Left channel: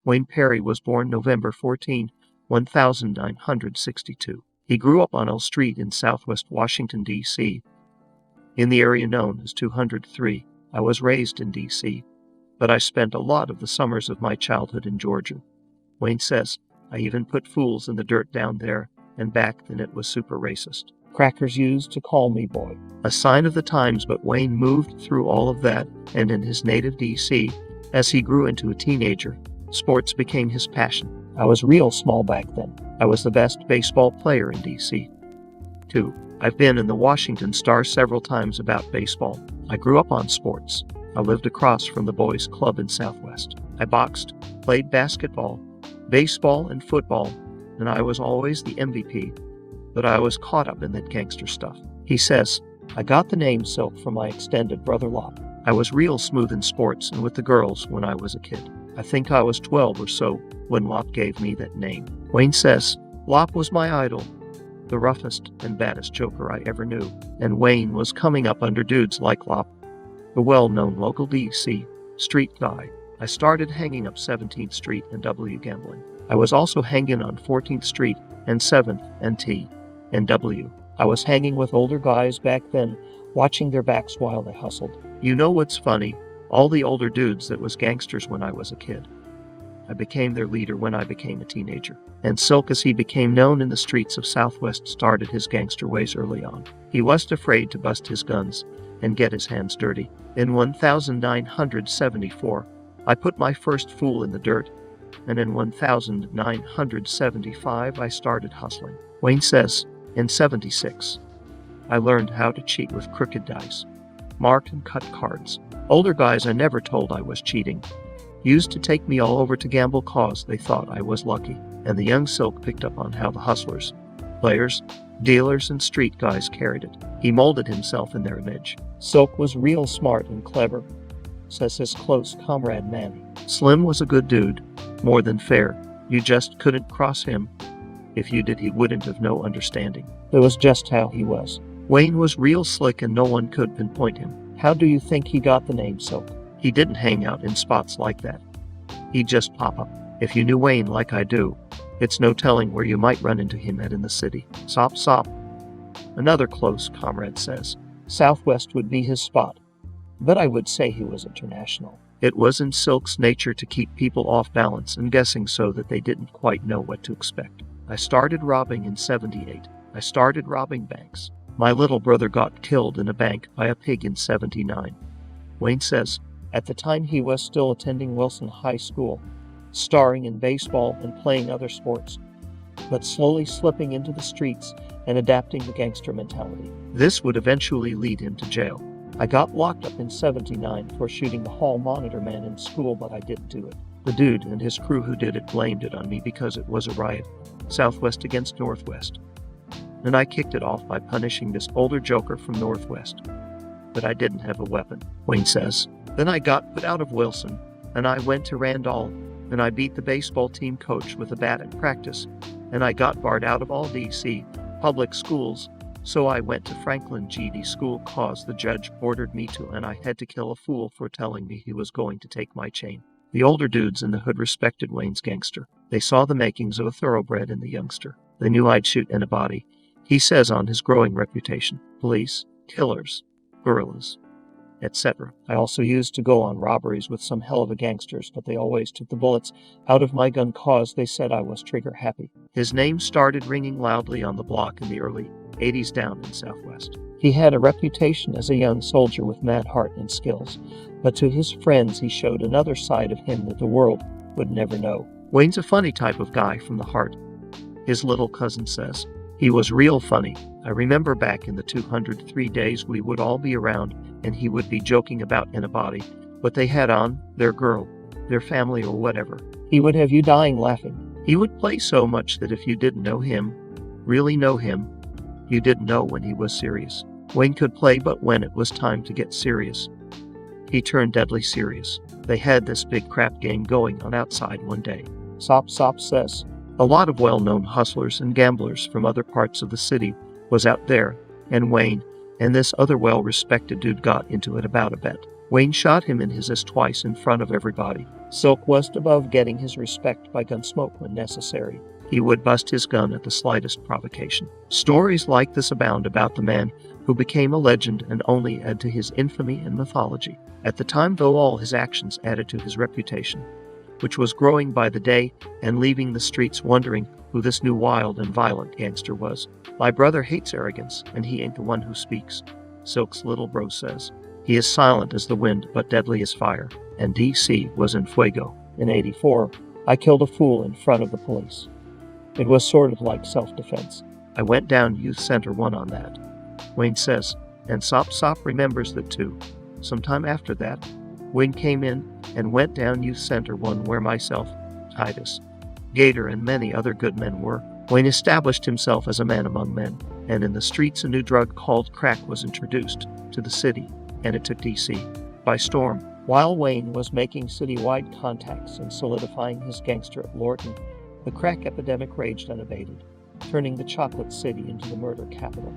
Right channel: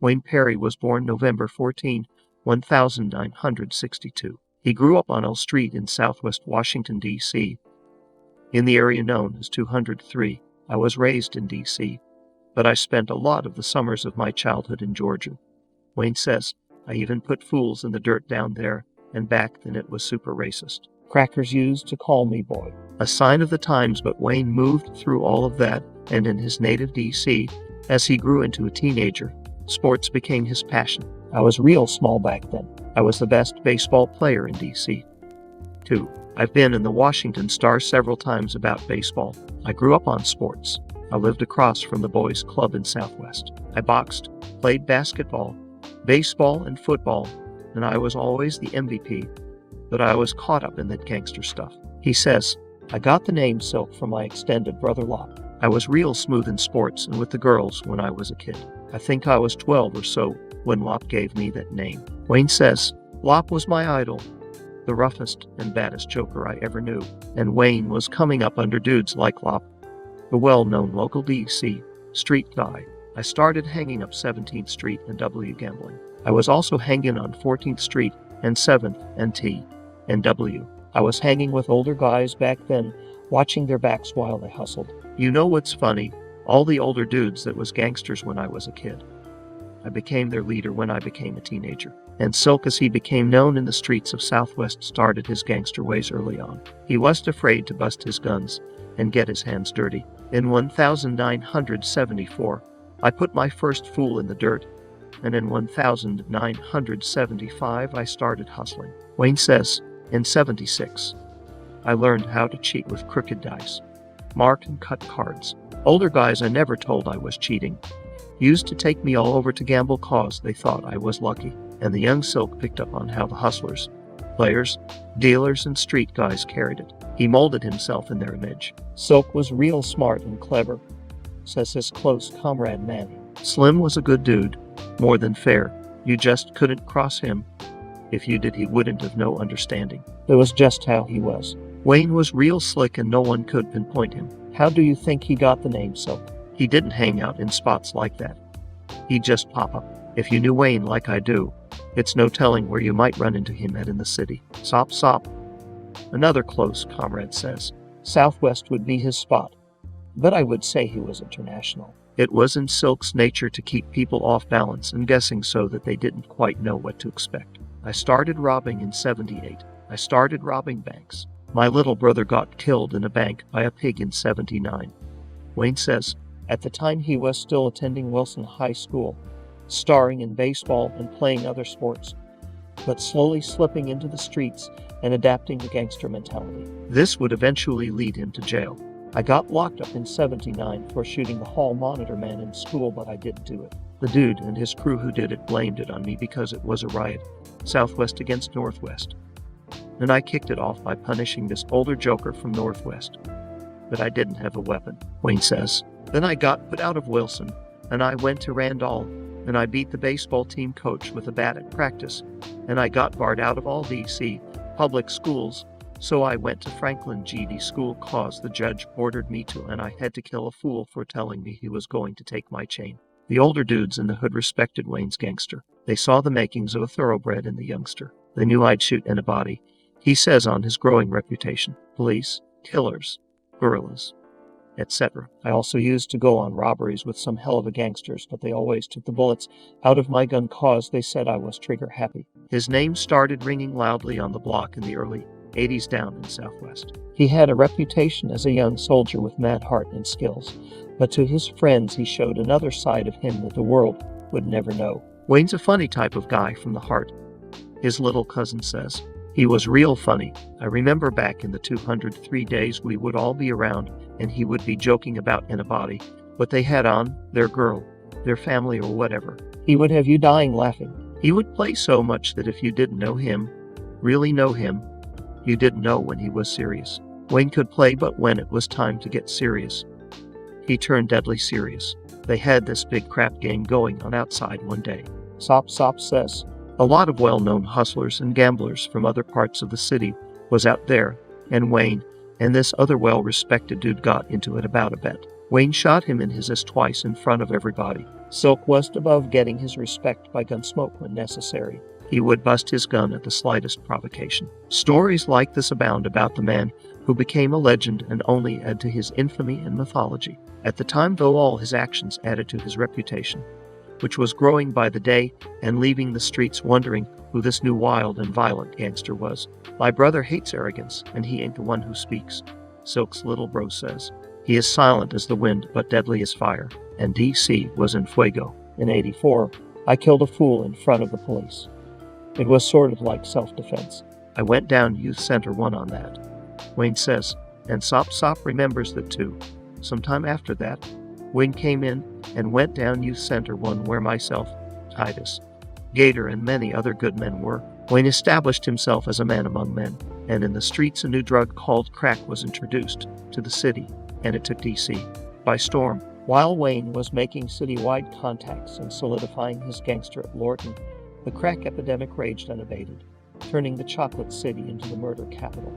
Wayne Perry was born November 14, 1962. He grew up on L Street in Southwest Washington, D.C., in the area known as 203. I was raised in D.C., but I spent a lot of the summers of my childhood in Georgia. Wayne says, I even put fools in the dirt down there, and back then it was super racist. Crackers used to call me boy. A sign of the times, but Wayne moved through all of that, and in his native D.C., as he grew into a teenager, sports became his passion. I was real small back then. I was the best baseball player in D.C. 2. I've been in the Washington Star several times about baseball. I grew up on sports. I lived across from the boys' club in Southwest. I boxed, played basketball, baseball, and football, and I was always the MVP, but I was caught up in that gangster stuff. He says, I got the name Silk from my extended brother Locke. I was real smooth in sports and with the girls when I was a kid. I think I was 12 or so when Locke gave me that name. Wayne says, Locke was my idol, the roughest and baddest joker I ever knew, and Wayne was coming up under dudes like Locke, the well-known local D.C. street guy. I started hanging up 17th Street and W gambling. I was also hanging on 14th Street and 7th and T and W. I was hanging with older guys back then, watching their backs while they hustled. You know what's funny? All the older dudes that was gangsters when I was a kid. I became their leader when I became a teenager. And Silk, as he became known in the streets of Southwest, started his gangster ways early on. He wasn't afraid to bust his guns and get his hands dirty. In 1974, I put my first fool in the dirt, and in 1975, I started hustling. Wayne says, in 76, I learned how to cheat with crooked dice, marked and cut cards. Older guys I never told I was cheating used to take me all over to gamble cause they thought I was lucky, and the young Silk picked up on how the hustlers, players, dealers, and street guys carried it. He molded himself in their image. Silk was real smart and clever, says his close comrade Manny. Slim was a good dude, more than fair. You just couldn't cross him. If you did, he wouldn't have no understanding. It was just how he was. Wayne was real slick and no one could pinpoint him. How do you think he got the name Silk? He didn't hang out in spots like that. He'd just pop up. If you knew Wayne like I do, it's no telling where you might run into him at in the city. Sop, sop. Another close comrade says, Southwest would be his spot, but I would say he was international. It was in Silk's nature to keep people off balance and guessing so that they didn't quite know what to expect. I started robbing in 78. I started robbing banks. My little brother got killed in a bank by a pig in 79. Wayne says, at the time he was still attending Wilson High School, starring in baseball and playing other sports, but slowly slipping into the streets and adapting the gangster mentality. This would eventually lead him to jail. I got locked up in 79 for shooting the hall monitor man in school, but I didn't do it. The dude and his crew who did it blamed it on me because it was a riot, Southwest against Northwest. And I kicked it off by punishing this older joker from Northwest. But I didn't have a weapon, Wayne says. Then I got put out of Wilson, and I went to Randolph, and I beat the baseball team coach with a bat at practice, and I got barred out of all D.C. public schools, so I went to Franklin GD School cause the judge ordered me to, and I had to kill a fool for telling me he was going to take my chain. The older dudes in the hood respected Wayne's gangster. They saw the makings of a thoroughbred in the youngster. They knew I'd shoot in a body. He says on his growing reputation, police, killers, guerrillas, etc. I also used to go on robberies with some hell of a gangsters, but they always took the bullets out of my gun cause they said I was trigger happy. His name started ringing loudly on the block in the early 80s down in Southwest. He had a reputation as a young soldier with mad heart and skills, but to his friends he showed another side of him that the world would never know. Wayne's a funny type of guy from the heart, his little cousin says. He was real funny. I remember back in the 203 days we would all be around and he would be joking about in a body, what they had on, their girl, their family or whatever. He would have you dying laughing. He would play so much that if you didn't know him, really know him, you didn't know when he was serious. Wayne could play, but when it was time to get serious, he turned deadly serious. They had this big crap game going on outside one day. Sop Sop says, a lot of well-known hustlers and gamblers from other parts of the city was out there, and Wayne and this other well-respected dude got into it about a bet. Wayne shot him in his ass twice in front of everybody. Silk was above getting his respect by gun smoke when necessary. He would bust his gun at the slightest provocation. Stories like this abound about the man who became a legend and only add to his infamy and mythology. At the time, though, all his actions added to his reputation, which was growing by the day and leaving the streets wondering who this new wild and violent gangster was. My brother hates arrogance, and he ain't the one who speaks, Silk's little bro says. He is silent as the wind, but deadly as fire, and D.C. was in fuego. In '84, I killed a fool in front of the police. It was sort of like self-defense. I went down Youth Center 1 on that, Wayne says, and Sop remembers that too. Sometime after that, Wayne came in and went down Youth Center 1 where myself, Titus, Gator, and many other good men were. Wayne established himself as a man among men, and in the streets a new drug called crack was introduced to the city, and it took D.C. by storm. While Wayne was making citywide contacts and solidifying his gangster at Lorton, the crack epidemic raged unabated, turning the chocolate city into the murder capital.